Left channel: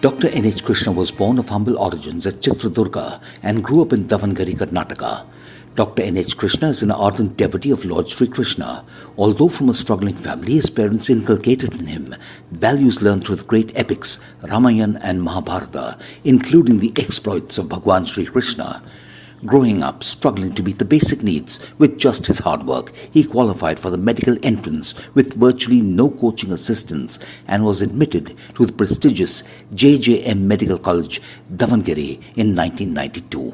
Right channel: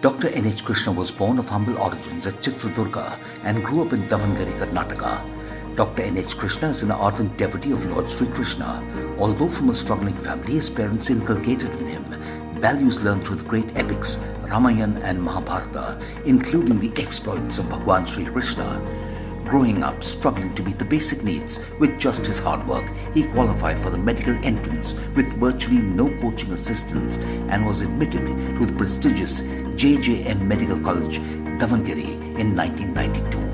Dr. N.H. Krishna was born of humble origins at Chitradurga and grew up in Davangere, Karnataka. Dr. N.H. Krishna is an ardent devotee of Lord Sri Krishna. Although from a struggling family, his parents inculcated in him values learned through the great epics Ramayana and Mahabharata, including the exploits of Bhagwan Sri Krishna. Growing up, struggling to meet the basic needs with just his hard work, he qualified for the medical entrance with virtually no coaching assistance and was admitted to the prestigious JJM Medical College, Davangere in 1992.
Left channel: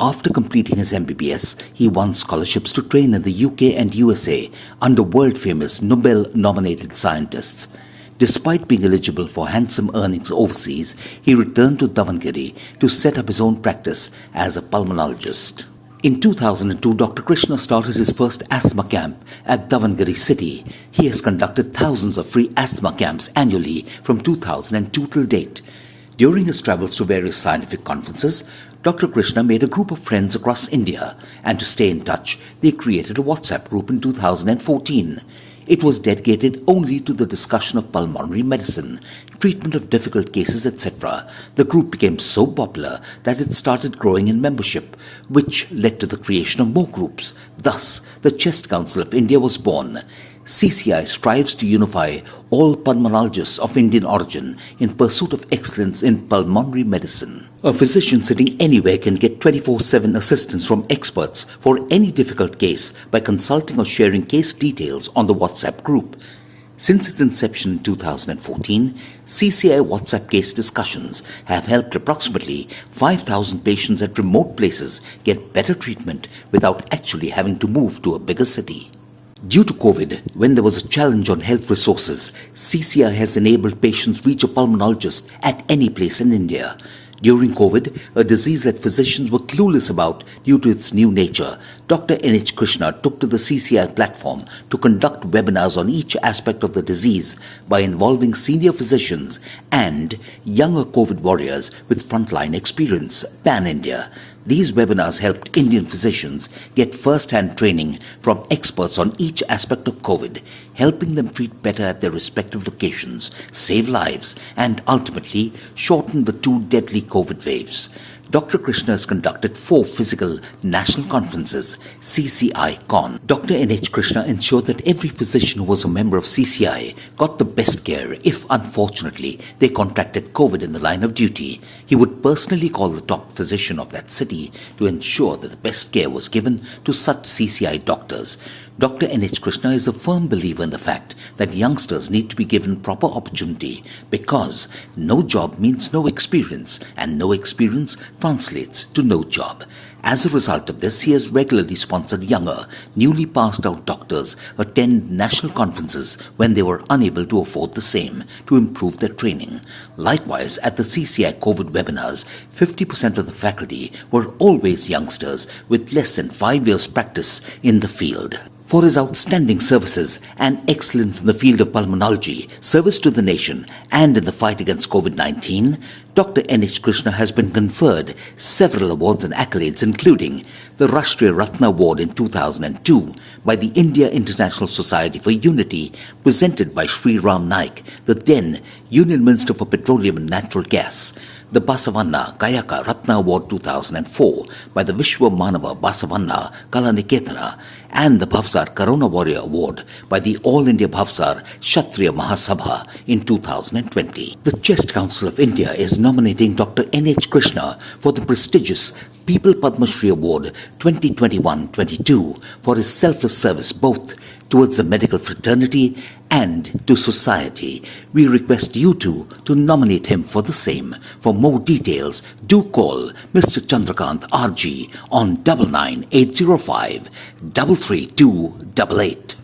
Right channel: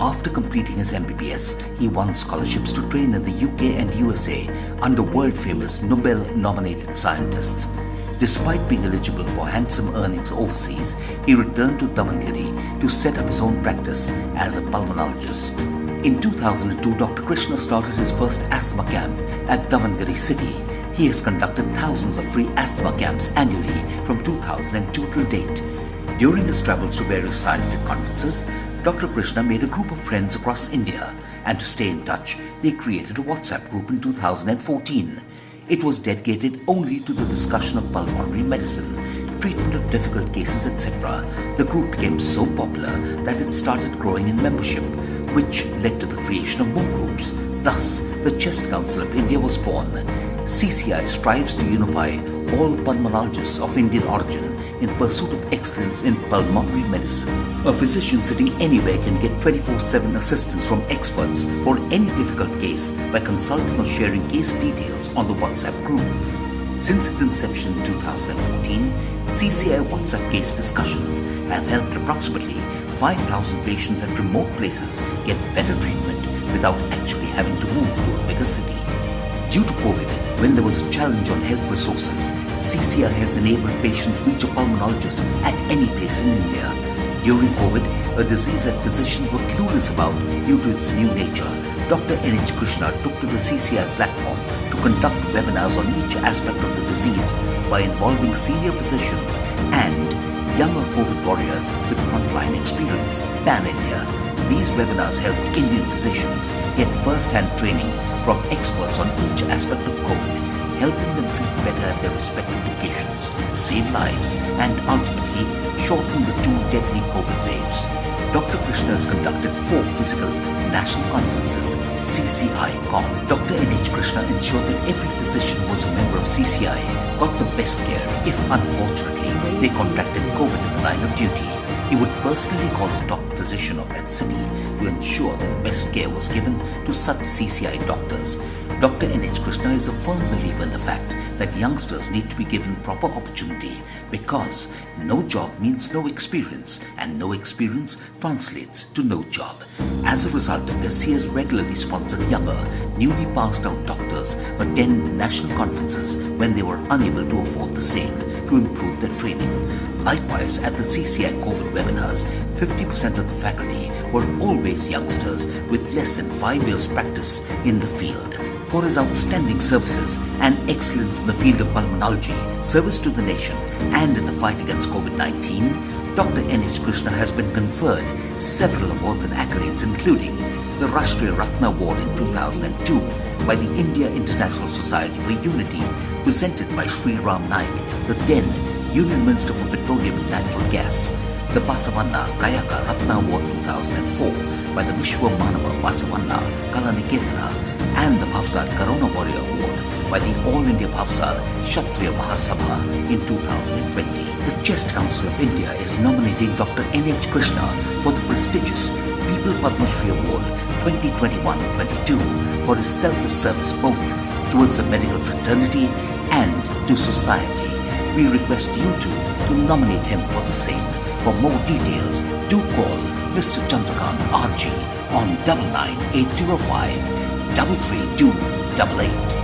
After completing his MBBS, he won scholarships to train in the UK and USA under world-famous Nobel-nominated scientists. Despite being eligible for handsome earnings overseas, he returned to Davangere to set up his own practice as a pulmonologist. In 2002, Dr. Krishna started his first asthma camp at Davangere city. He has conducted thousands of free asthma camps annually from 2002 till date. During his travels to various scientific conferences, Dr. Krishna made a group of friends across India, and to stay in touch, they created a WhatsApp group in 2014. It was dedicated only to the discussion of pulmonary medicine, treatment of difficult cases, etc. The group became so popular that it started growing in membership, which led to the creation of more groups. Thus, the Chest Council of India was born. CCI strives to unify all pulmonologists of Indian origin in pursuit of excellence in pulmonary medicine. A physician sitting anywhere can get 24/7 assistance from experts for any difficult case by consulting or sharing case details on the WhatsApp group. Since its inception in 2014, CCI WhatsApp case discussions have helped approximately 5,000 patients at remote places get better treatment without actually having to move to a bigger city. Due to COVID, when there was a challenge on health resources, CCI has enabled patients reach a pulmonologist at any place in India. During COVID, a disease that physicians were clueless about due to its new nature, Dr. N.H. Krishna took to the CCI platform to conduct webinars on each aspect of the disease by involving senior physicians and younger COVID warriors with frontline experience pan-India. These webinars helped Indian physicians get first-hand training from experts on each aspect of COVID, helping them treat better at their respective locations, save lives, and ultimately shorten the two deadly COVID waves. Dr. Krishna has conducted 4 physical national conferences, CCI Con. Dr. N.H. Krishna ensured that every physician who was a member of CCI got the best care if, unfortunately, they contracted COVID in the line of duty. He would personally call the top physician of that city to ensure that the best care was given to such CCI doctors. Dr. N.H. Krishna is a firm believer in the fact that youngsters need to be given proper opportunity because no job means no experience and no experience translates to no job. As a result of this, he has regularly sponsored younger, newly passed out doctors attend national conferences when they were unable to afford the same to improve their training. Likewise, at the CCI COVID webinars, 50% of the faculty were always youngsters with less than 5 years practice in the field. For his outstanding services and excellence in the field of pulmonology, service to the nation, and in the fight against COVID-19, Dr. N.H. Krishna has been conferred several awards and accolades, including the Rashtriya Ratna Award in 2002 by the India International Society for Unity, presented by Sri Ram Naik, the then Union Minister for Petroleum and Natural Gas, the Basavanna Kayaka Ratna Award 2004 by the Vishwa Manava Basavanna Kalaniketana, and the Bhavsar Corona Warrior Award by the All India Bhavsar Kshatriya Mahasabha in 2020. The Chest Council of India is nominating Dr. N.H. Krishna for the prestigious People Padma Shri Award 2021-22 for his selfless service both towards the medical fraternity and to society. We request you two to nominate him for the same. For more details, do call Mr. Chandrakant RG on 99805 33288.